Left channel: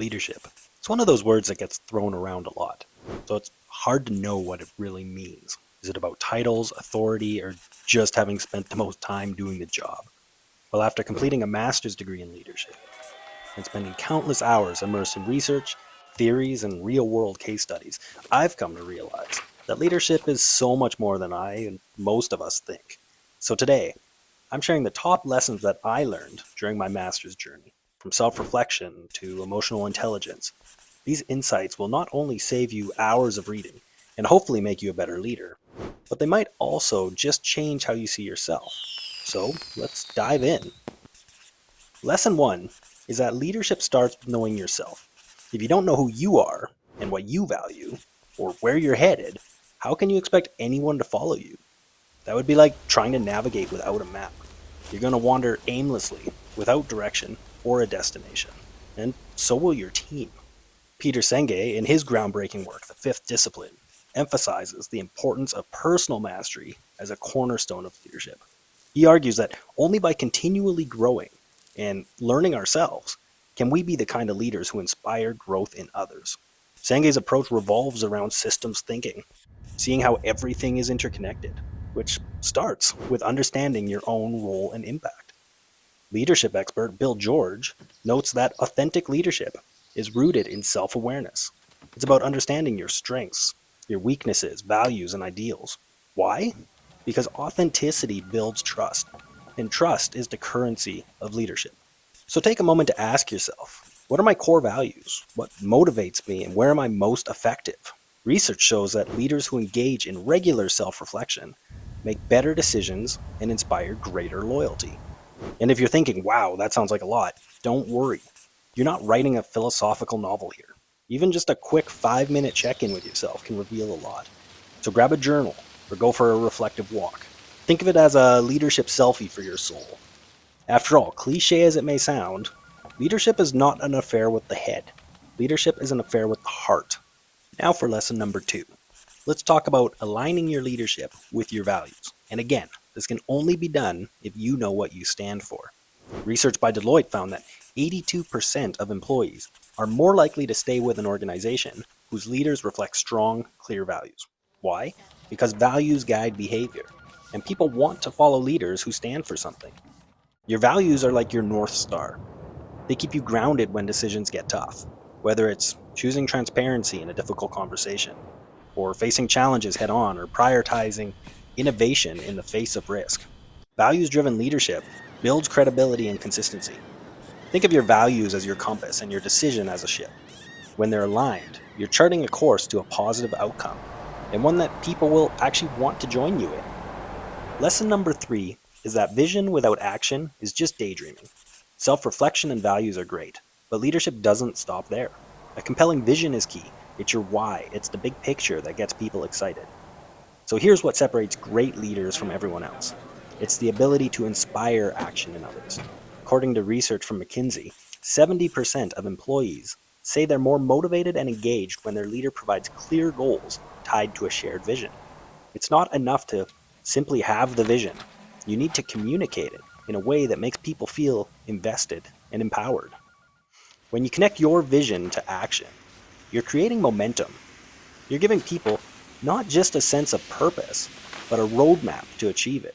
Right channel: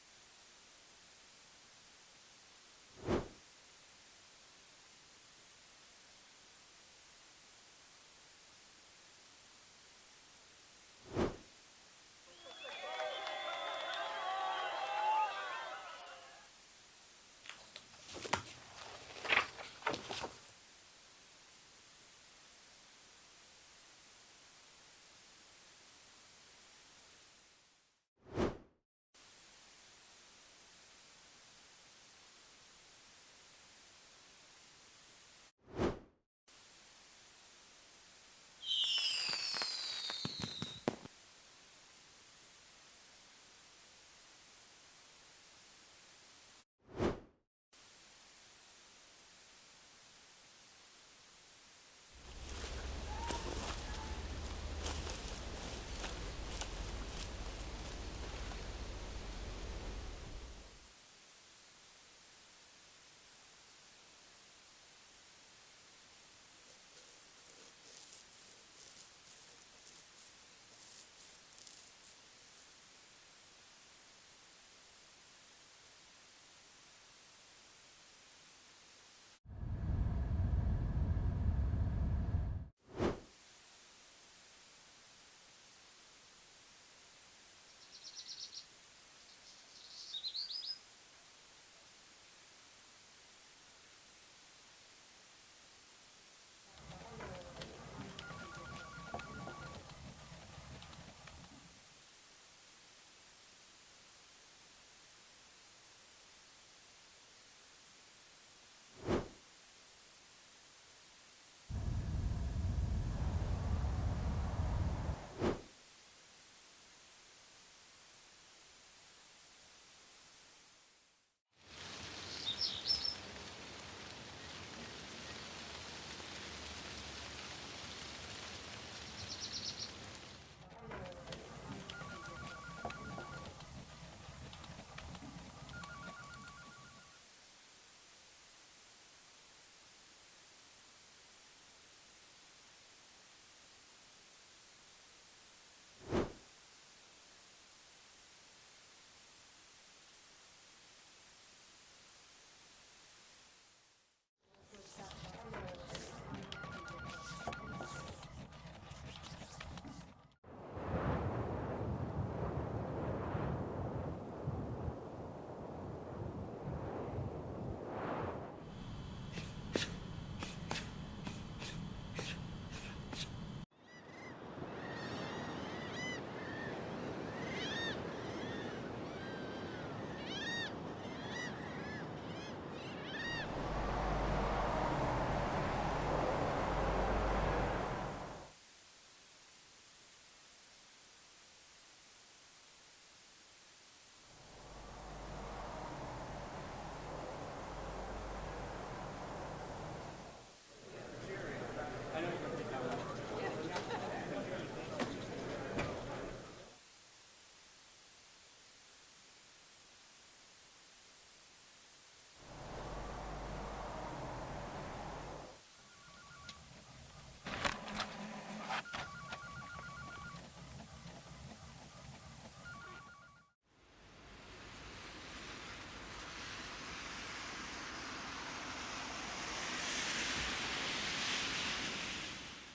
Leadership. It's one of those words that gets thrown around a lot, so it's hard to know what it really means. Is it about titles, authority, or just having spent the most time doing the job? Well, after completing a master's degree in leadership and spending countless hours immersed in research, theories, and real world case studies, I've come to realize that leadership is so much more than I and most of us think. So today, I'm sharing the top lessons that I learned during my master's journey, from self reflection to emotional intelligence. These insights will not only save you hours of reading and hopefully make you a better leader, but they might also just change how you see yourself. So let's dive in. Lesson one is that leadership starts with knowing yourself. If you don't know who you are and what you value, or where you're headed, how can you expect anyone to follow you? That would be like trying to navigate without a map. You're going to wander aimlessly, without direction or a destination. And so will your team. Peter Senge, in his groundbreaking work, The Fifth Discipline, emphasizes the importance of personal mastery as a cornerstone of leadership. He argues that only by continually growing and learning ourselves can we be the kind of leaders who inspire growth in others. Senge's approach revolves around systems thinking, seeing how everything is interconnected, which starts with understanding your own role and impact. Leadership expert Bill George notes that authentic leadership is rooted in self awareness. It's about understanding your strengths, your weaknesses, values, and ideals. Why? Because authenticity builds trust, and trust is the currency of leadership. So take a moment to ask yourself, what are my core values? What motivates me, and where am I most effective? Research shows that leaders who engage in regular self reflection make better decisions and inspire greater loyalty. And if you're thinking, wow, that sounds like a lot, don't worry. You're not writing a philosophical novel here. Even just a quick 5 minute check in with yourself can reveal a lot. So grab a journal or go for a reflective walk. Think of it as a leadership selfie for your soul. After all, cliche as it may sound, leadership is not an affair with the head. Leadership is an affair with the heart. Now for lesson number two. Let's talk about aligning your leadership with your values. And again, this can only be done if you know what you stand for. Research by Deloitte found that 82% of employees are more likely to stay with an organization whose leaders reflect strong, clear values. Why? Because values guide behavior, and people want to follow leaders who stand for something. Your values are like your North Star. They keep you grounded when decisions get tough, whether it's choosing transparency in a difficult conversation, or facing challenges head on, or prioritizing innovation in the face of risk. Values driven leadership builds credibility and consistency. Think of your values as your compass and your decision as a ship. When they're aligned, you're charting a course to a positive outcome, and one that people will actually want to join you in. Lesson number three is that vision without action is just daydreaming. Self reflection and values are great, but leadership doesn't stop there. A compelling vision is key. It's your why, it's the big picture that gets people excited. So here's what separates great leaders from everyone else, it's the ability to inspire action in others. According to research from McKinsey, 70% of employees say they're more motivated and engaged when their leader provides clear goals tied to a shared vision. It's not enough to simply have the vision. You need to communicate it in a way that makes people feel invested and empowered. When you connect your vision to action, you're creating momentum. You're giving people not just a sense of purpose, but a roadmap to achieve it.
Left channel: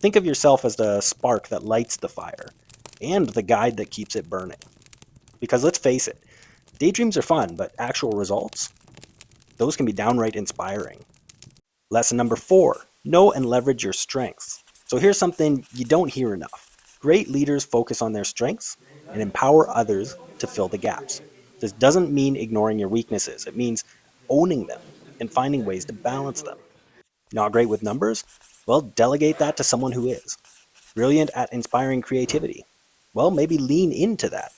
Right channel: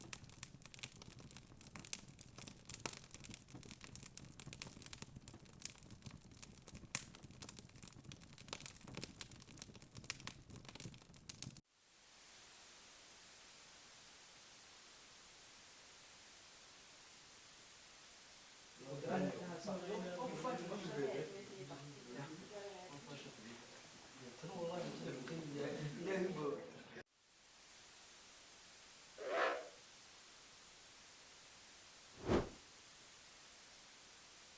Think of yourself as the spark that lights the fire and the guide that keeps it burning. Because let's face it, daydreams are fun, but actual results, those can be downright inspiring. Lesson number four, know and leverage your strengths. So here's something you don't hear enough. Great leaders focus on their strengths and empower others to fill the gaps. This doesn't mean ignoring your weaknesses, it means owning them and finding ways to balance them. Not great with numbers? Well, delegate that to someone who is. Brilliant at inspiring creativity? Well, maybe lean into that.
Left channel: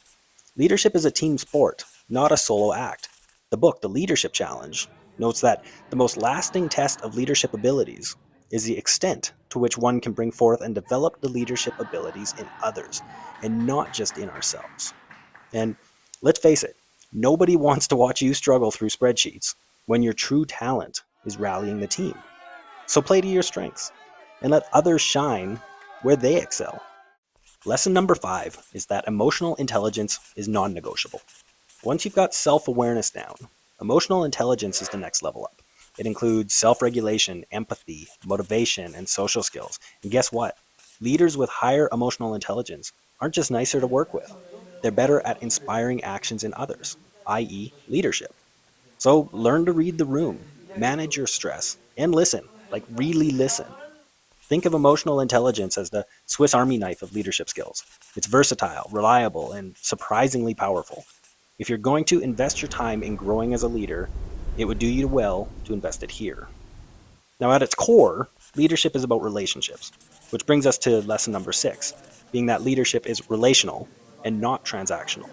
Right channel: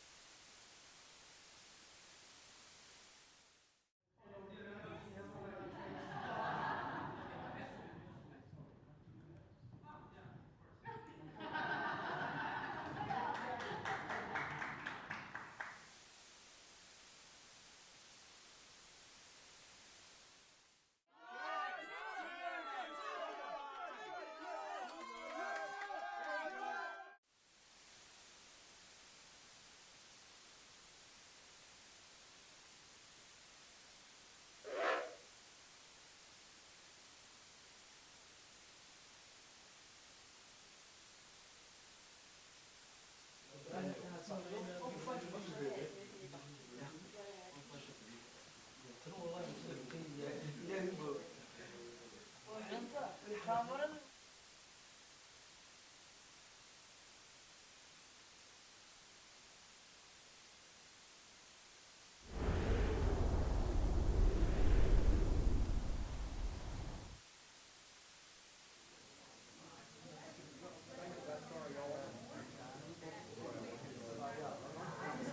Leadership is a team sport, not a solo act. The book, The Leadership Challenge, notes that the most lasting test of leadership abilities is the extent to which one can bring forth and develop the leadership abilities in others, and not just in ourselves. And let's face it, nobody wants to watch you struggle through spreadsheets when your true talent is rallying the team. So play to your strengths and let others shine where they excel. Lesson number five is that emotional intelligence is non negotiable. Once you've got self-awareness down, emotional intelligence is the next level up. It includes self-regulation, empathy, motivation, and social skills. And guess what? Leaders with higher emotional intelligence aren't just nicer to work with. They're better at inspiring actions in others, i.e., leadership. So learn to read the room, manage your stress, and listen, like really listen. Think of emotional intelligence as the Swiss Army knife of leadership skills. It's versatile, reliable, and surprisingly powerful. If you're going to invest your time in growing as a leader, it would do you well to invest it here. Now, at its core, leadership is about relationships, which brings us to lesson number 6, being that leadership is relational and not transactional.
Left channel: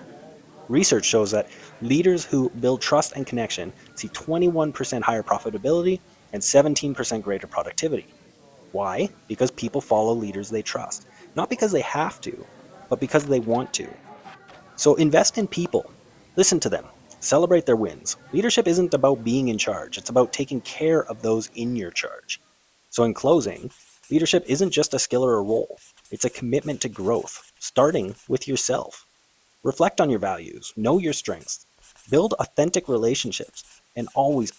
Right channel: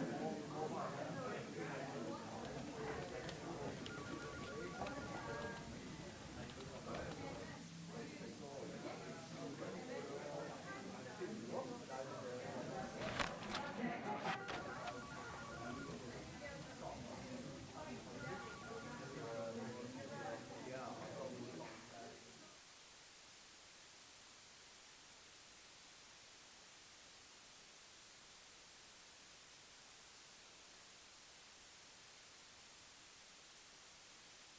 Research shows that leaders who build trust and connection see 21% higher profitability and 17% greater productivity. Why? Because people follow leaders they trust, not because they have to, but because they want to. So invest in people, listen to them, celebrate their wins. Leadership isn't about being in charge, it's about taking care of those in your charge. So, in closing, leadership isn't just a skill or a role, it's a commitment to growth, starting with yourself. Reflect on your values, know your strengths, build authentic relationships, and always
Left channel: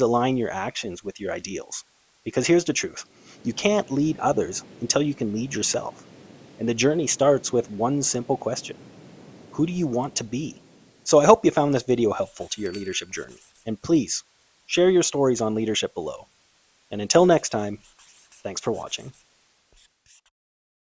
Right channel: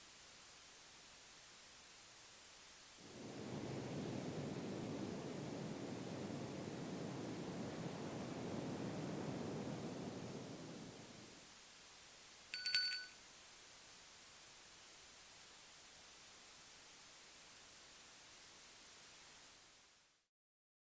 align your actions with your ideals. Because here's the truth, you can't lead others until you can lead yourself. And the journey starts with one simple question: who do you want to be? So I hope you found this video helpful to your leadership journey. And please, share your stories on leadership below. And until next time, thanks for watching.